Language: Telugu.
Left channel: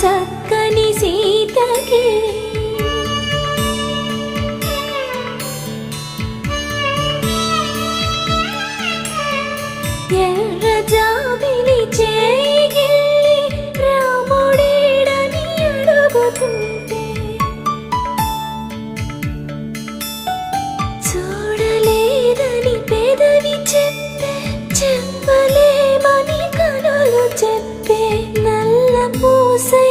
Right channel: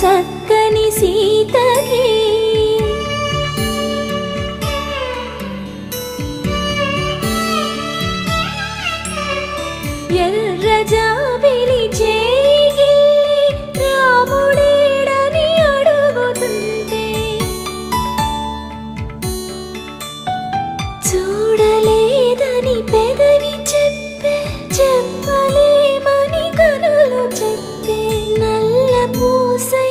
చక్కని సీతకి ఎర్ర జాబిలి చేయి రాముడేడని అడుగుతుంటే చూడలేదని పెదవి చెప్పే చెప్పలేమని కనులు చెప్పే నల్ల పూసై